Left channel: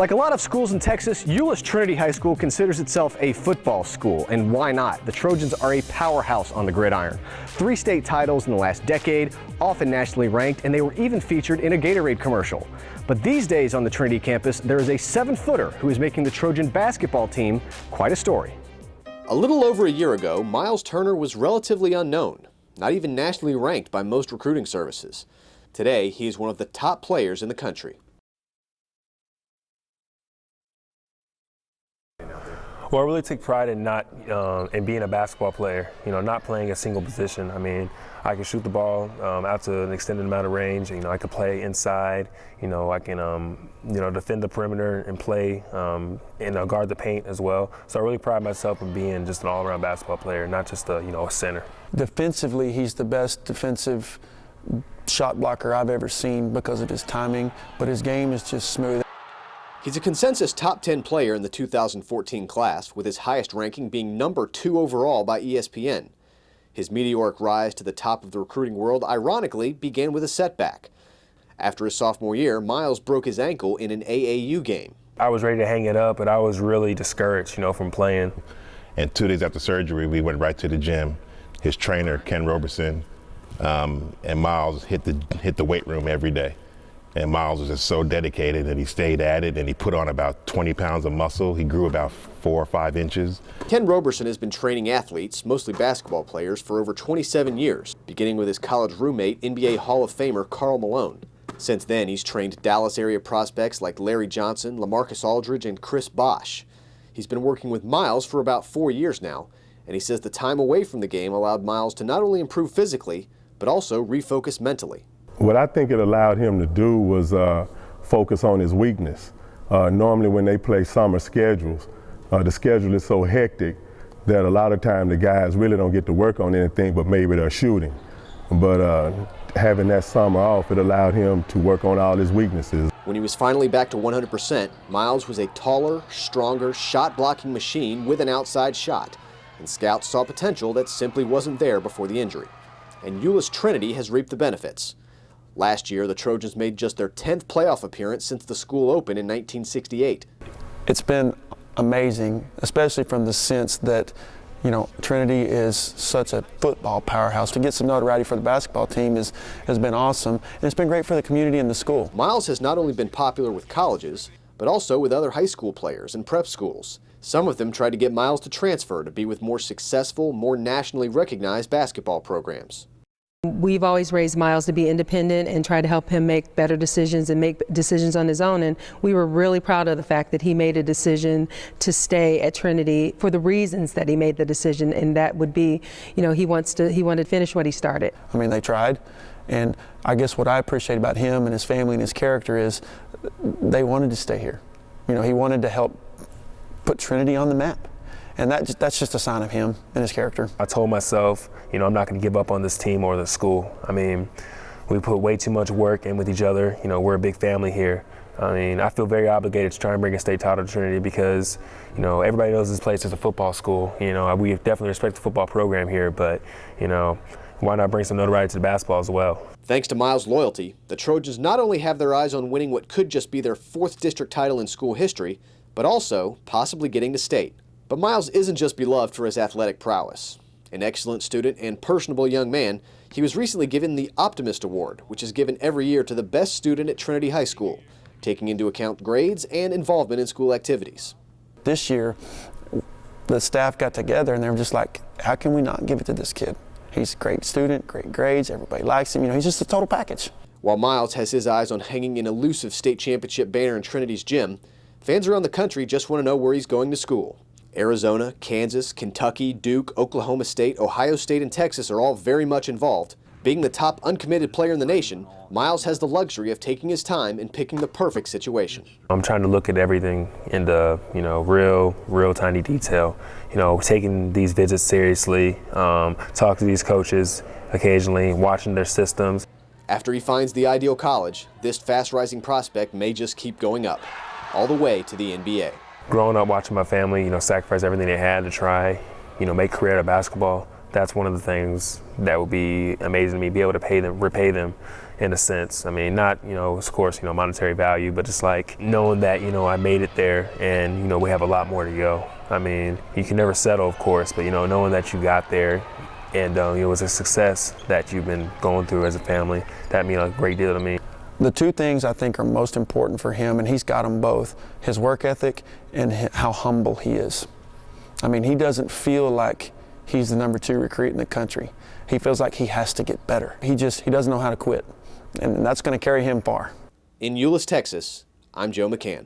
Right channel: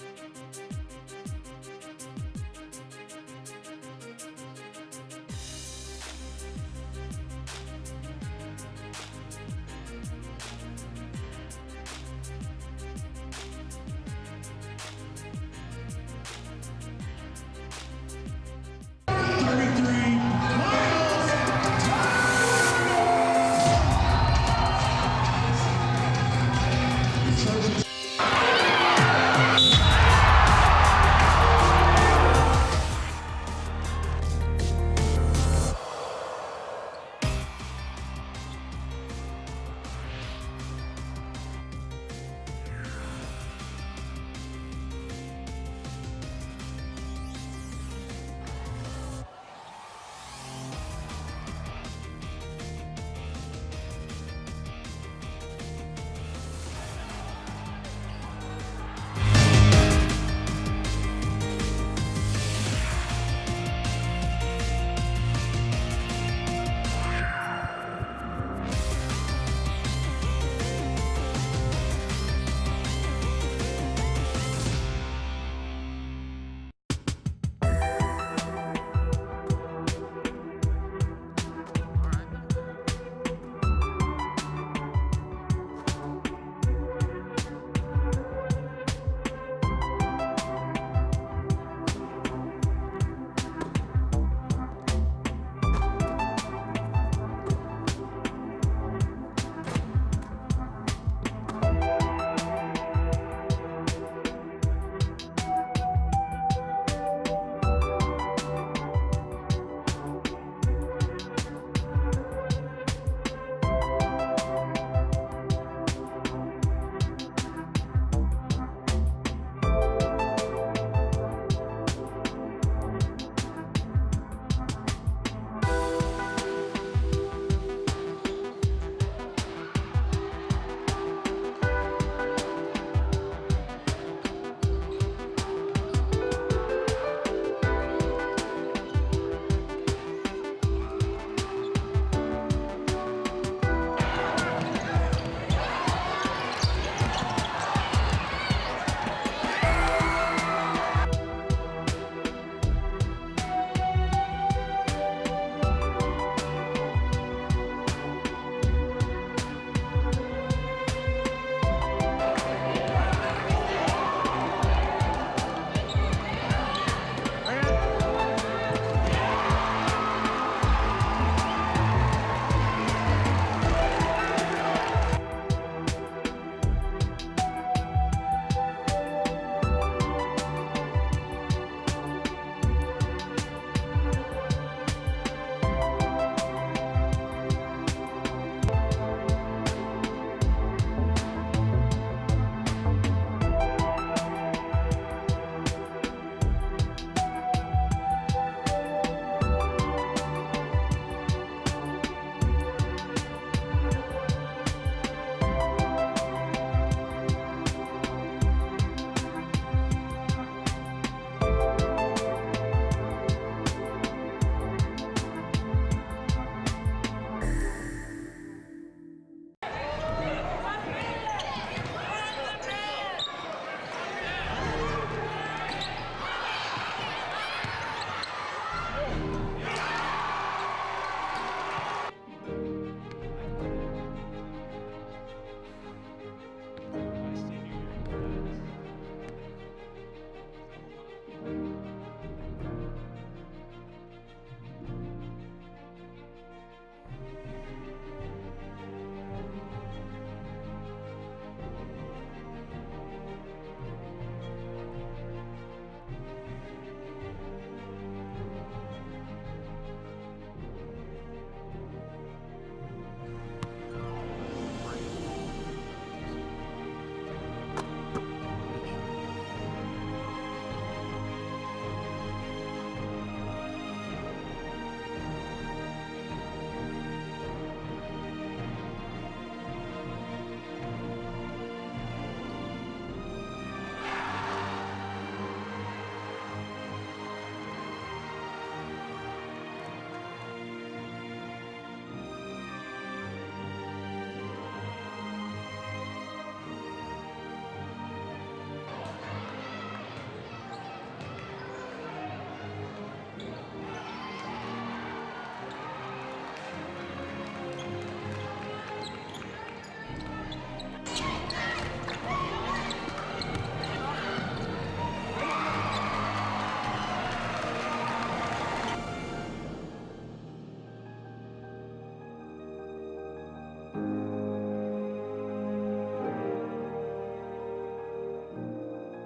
Like a lot of schools in Texas, Euless Trinity High School considers itself a football school, and why not? The Trojans are a powerhouse on the gridiron. 3 state titles in the last decade, often nationally ranked, and they were even featured in a Gatorade commercial. But these days on the Trinity campus, there is a 7-footer who is making the Trojan basketball team quite a story. A little over a year ago, Myles Turner was relatively unknown, not even nationally ranked by most recruiting services. Today, he's one of the top players in the country. Well, I really take pride in being a basketball player, not playing a single position. I mean, I can shoot the ball out to an extended amount of range. I can play inside. I can, defend the perimeter and play and guard the paint as well. So I really pride myself in being just an all-around basketball player, not just a center. Defensively, he's the best defensive shot blocker I've ever seen because of his timing, but his game is just smooth. He's a consensus top 10 player in the 2014 class, with his highest ranking being number 2 overall by ESPN. His meteoric rise to the top of the recruiting world ironically began with a setback. After his sophomore year, Myles broke his ankle in an AAU game. I was ready to hang it up, but I was really discouraged, from playing. And 2 days after surgery, we went right to the gym. His trainer, Ken Roberson, and Myles hit the weight room every day. And Myles was just so dedicated that he stayed at it, and he put on about 20 pounds of muscle. He grew about 4 or 5 inches. Ken Roberson has been training athletes, mostly basketball players, for over 27 years, beginning with his college roommate, NBA Hall of Famer Karl Malone. Since then, he's trained Dallas area prospects like Larry Johnson, LaMarcus Aldridge, and Chris Bosh. He's been working with Myles for about 4 years now, and he says the time away from the game allowed Myles to not only improve physically, but also refocus mentally. What I think it allowed him to do was focus on his weakness. Normally when they play summer schedules, the schedule is so hectic that a lot of time the guys really don't get to work on anything but maybe their shooting. But having that summer off, it allowed him to work on all his weaknesses. When he was finally back to 100%, Myles was a taller, stronger, shot-blocking machine with an outside shot. And scouts saw potential that simply wasn't there before the injury. And Euless Trinity has reaped the benefits. Last year, the Trojans made just their 10th playoff appearance since the school opened in 1968. It's been amazing, especially from the sense that, Trinity is such a football powerhouse. To get some notoriety for the basketball team has been awesome, and it's been great for the community and the school. Myles has not only been popular with colleges, but also with other high school players and prep schools. Some of them tried to get Myles to transfer to be with more successful, more nationally recognized basketball programs. We've always raised Myles to be independent and try to help him make better decisions and make decisions on his own. And we were really proud of the fact that he made a decision to stay at Trinity for the reasons that he made the decision, and that would be, he wanted to finish what he started. I mean, they tried, and I guess what I appreciate about him and his family and his character is they wanted to stay here. He wanted to help put Trinity on the map. And that's just a sign of him and his character. I told myself, I'm not going to give up on this team or the school. I mean, we put way too much work in with each other. We're a big family here. I mean, I feel very obligated to try and bring a state title to Trinity because, everybody knows this place is a football school. We definitely respect the football program here, but, why not bring some notoriety to the basketball as well? Thanks to Myles' loyalty, the Trojans not only have their eyes on winning what could just be their 4th district title in school history, but also possibly getting the state. But Myles isn't just beloved for his athletic prowess. An excellent student and personable young man, he was recently given the Optimist Award, which is given every year to the best student at Trinity High School, taking into account grades and involvement in school activities. This year, the staff got together and they were just like, how can we not give it to this kid? He's a great student, great grades, everybody likes him, he's just a total package. While Myles has his eyes on hanging an elusive state championship banner in Trinity's gym, fans around the country just want to know where he's going to school. Arizona, Kansas, Kentucky, Duke, Oklahoma State, Ohio State, and Texas are all very much involved. Being the top uncommitted player in the nation, Myles has the luxury of taking his time and picking the perfect situation. I'm trying to look at everything in the, real tiny detail. Taking these visits seriously, talk to these coaches occasionally, watching their systems. After he finds the ideal college, this fast-rising prospect may just keep going up, all the way to the NBA. Growing up watching my family, sacrifice everything they had to try, make a career out of basketball, that's one of the things that would be amazing to me, be able to repay them, in a sense. I mean, not, of course, monetary value, but just like knowing that, I made it there and, we have a lot more to go. I mean, you can never settle, of course, but, knowing that you got there and it was a success that you've been going through as a family, that means a great deal to me. The two things I think are most important for him, and he's got them both, his work ethic and how humble he is. I mean, he doesn't feel like he's the #2 recruit in the country. He feels like he has to get better. He doesn't know how to quit, and that's going to carry him far. In Euless, Texas, I'm Joe McCann.